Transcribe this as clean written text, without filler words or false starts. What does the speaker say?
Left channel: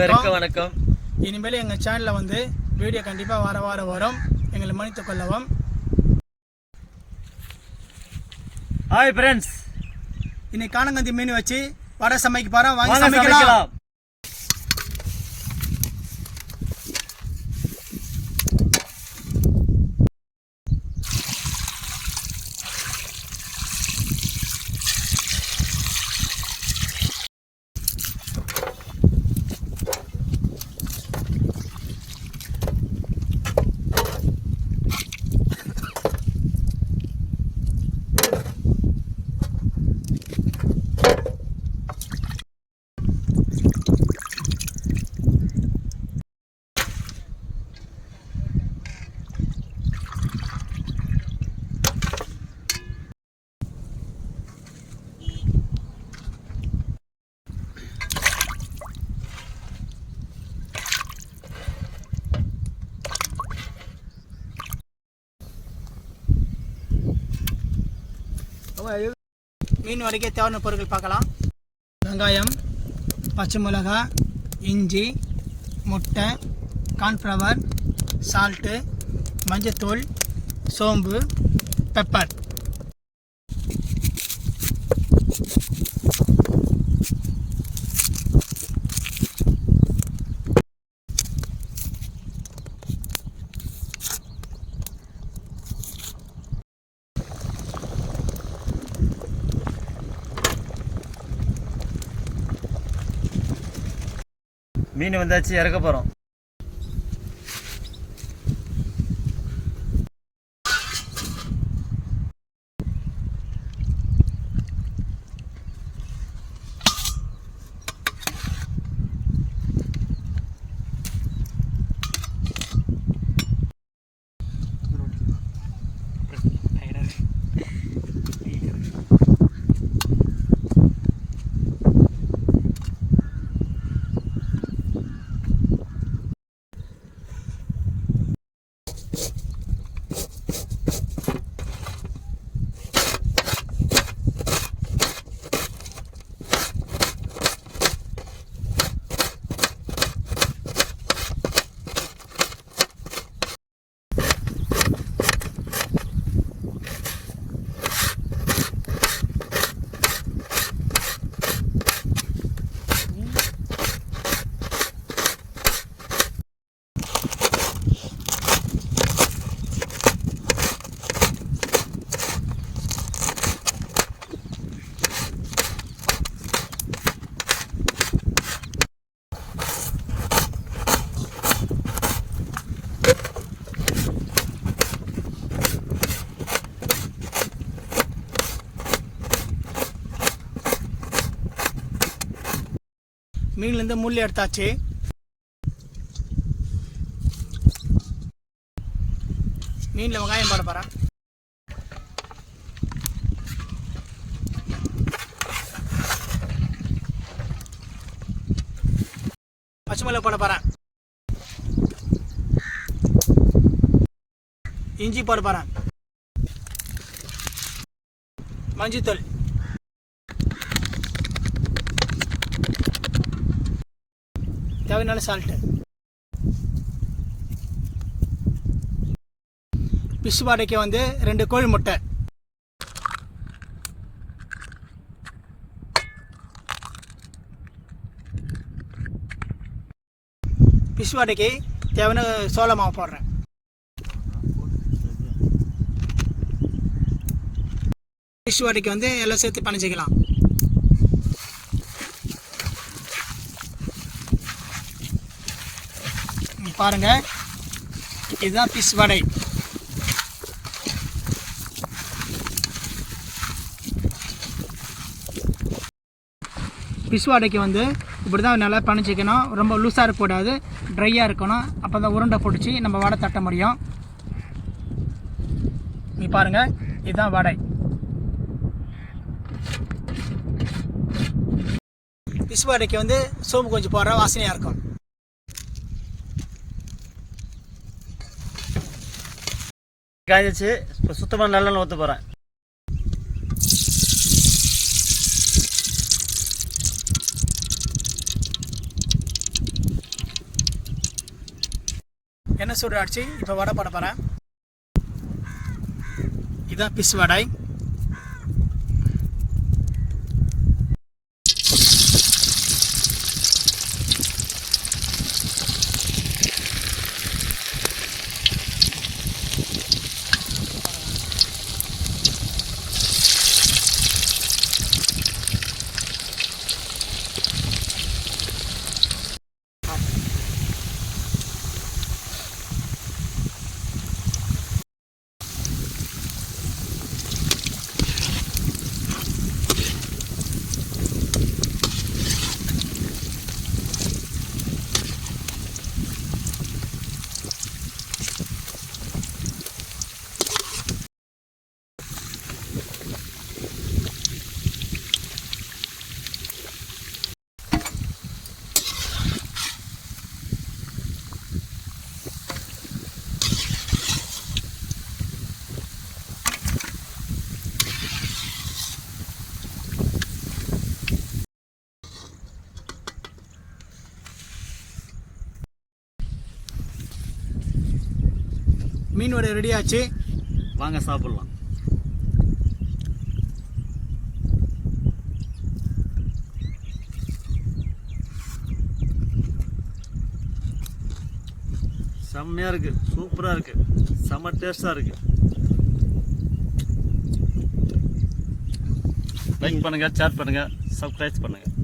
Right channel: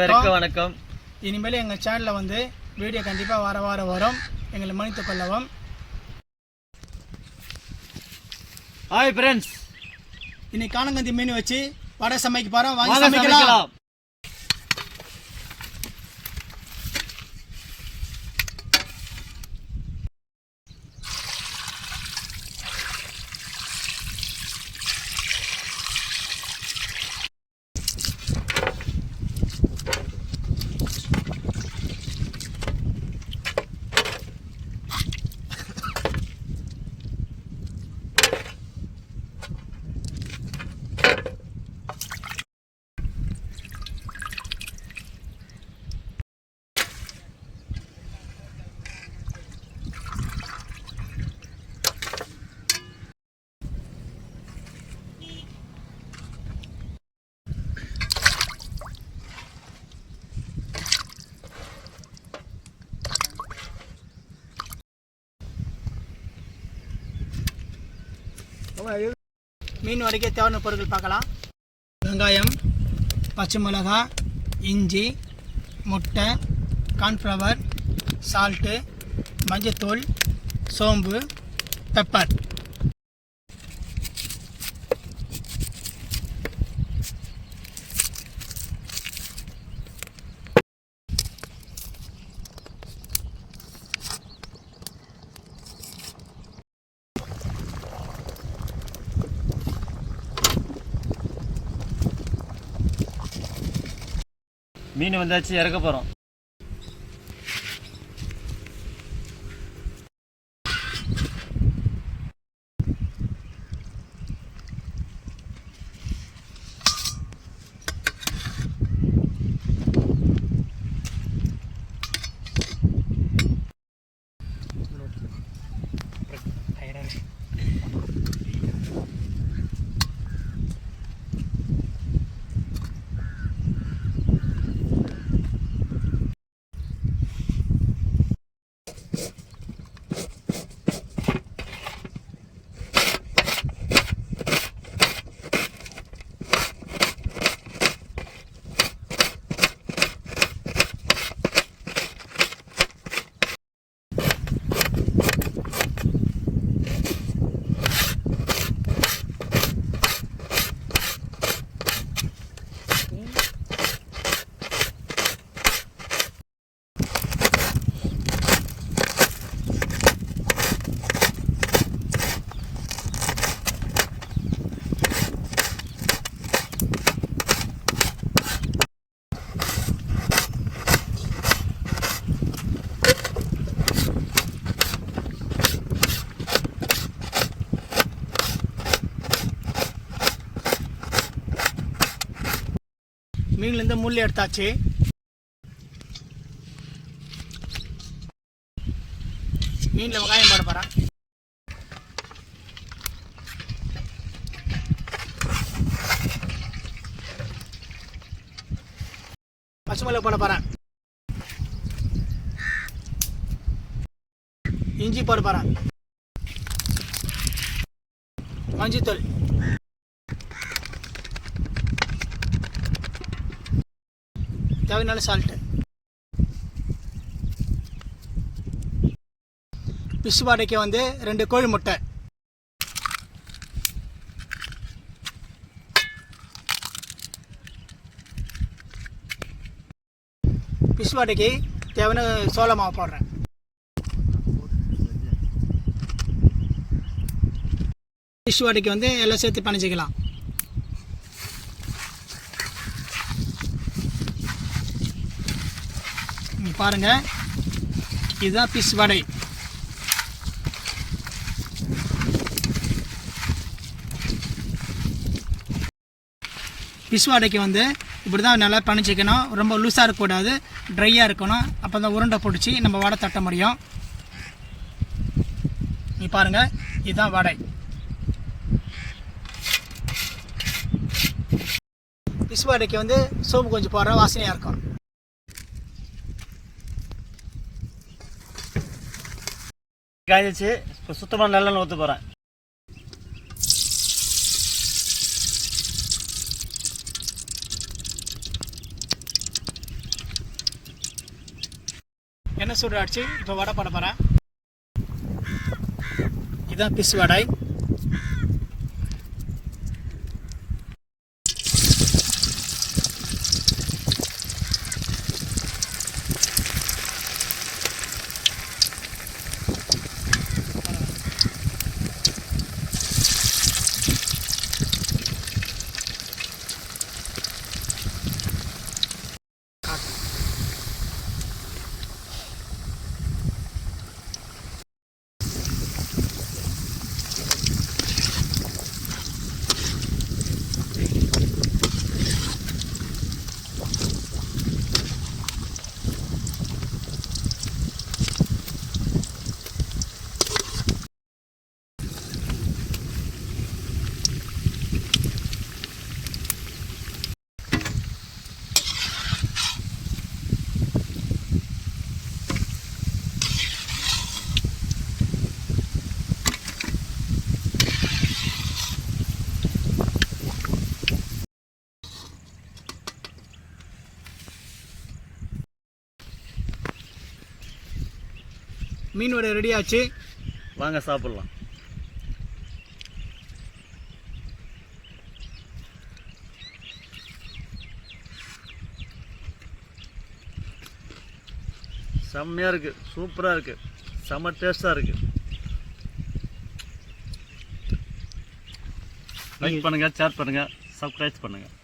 வணக்கம். இனிமேல் எங்கள் சேனலில் வந்து வீடியோ கண்டிப்பாக வார வரும். எங்களை மன்னித்துக் கொள்ளவும். ஹாய் ஃப்ரெண்ட்ஸ், இன்னைக்கு காணங்கந்தி மீன் வச்சு வடை சமைக்க போகிறோம். வாங்கி சமைக்கலாம். மீன் வரைக்க தேவையான பொருட்கள் பார்க்கலாம். வெங்காயம், பச்சை மிளகாய், இஞ்சி, முட்டை, கார்ன்ஃப்ளவர், சால்ட்டு, மஞ்சத்தூள், சோம்பு, பெப்பர். மீன் வந்தாச்சு, இறக்க போகிறோம். மீன்லேருந்து முள் எடுத்தாச்சு. மீனில் வெங்காயம் போட போகிறேன். பச்சை மிளகாய் போட போகிறேன். இஞ்சி போட போகிறேன். மஞ்சத்தூள், தேவையான சால்ட்டு, பிசு வாடைக்கு வந்து 2 கோழி முட்டை, பிசு வாடைக்கு தேவையான சோள மாவு போடுறேன். பிசு வாடைக்கு வந்து எல்லாம் சேர்த்து பணிச்சிக்கலாம். பாருங்க, இதுதான் பிஸ் வடை. பிஸ் வடைக்கு வந்து இப்படி தான் நல்லா பணிச்சிக்கணும். ரொம்ப லூஸாக இருக்கக்கூடாது, ட்ரையாக இருக்கணும். அப்போ தான் உருண்டை பிடிச்சி நம்ம வடை தட்ட முடியும். நீ பாருங்கள், இதுதான் வடை. பிஸ் வடைக்கு வந்து சோம்பு கொஞ்சம் போடுற வாசனையாக இருக்கும். காய்ச்சி இப்போ சுத்தமாக நல்லெண்ணெய் ஊற்ற போகிறேன். எண்ணெய் சூடு ஆச்சு. இப்போ வடை போட போகிறேன். இதுதான் பிஸ் வடை. மீன் வடை ரெடி ஆச்சு. வாங்க சாப்பிடலாம். செம்மையாக இருக்குது, சூப்பராக இருக்குது, செம்ம டேஸ்ட்டாக இருக்குது. லைக் பண்ணுங்கள், ஷேர் பண்ணுங்கள், சப்ஸ்கிரைப் பண்ணுங்கள்.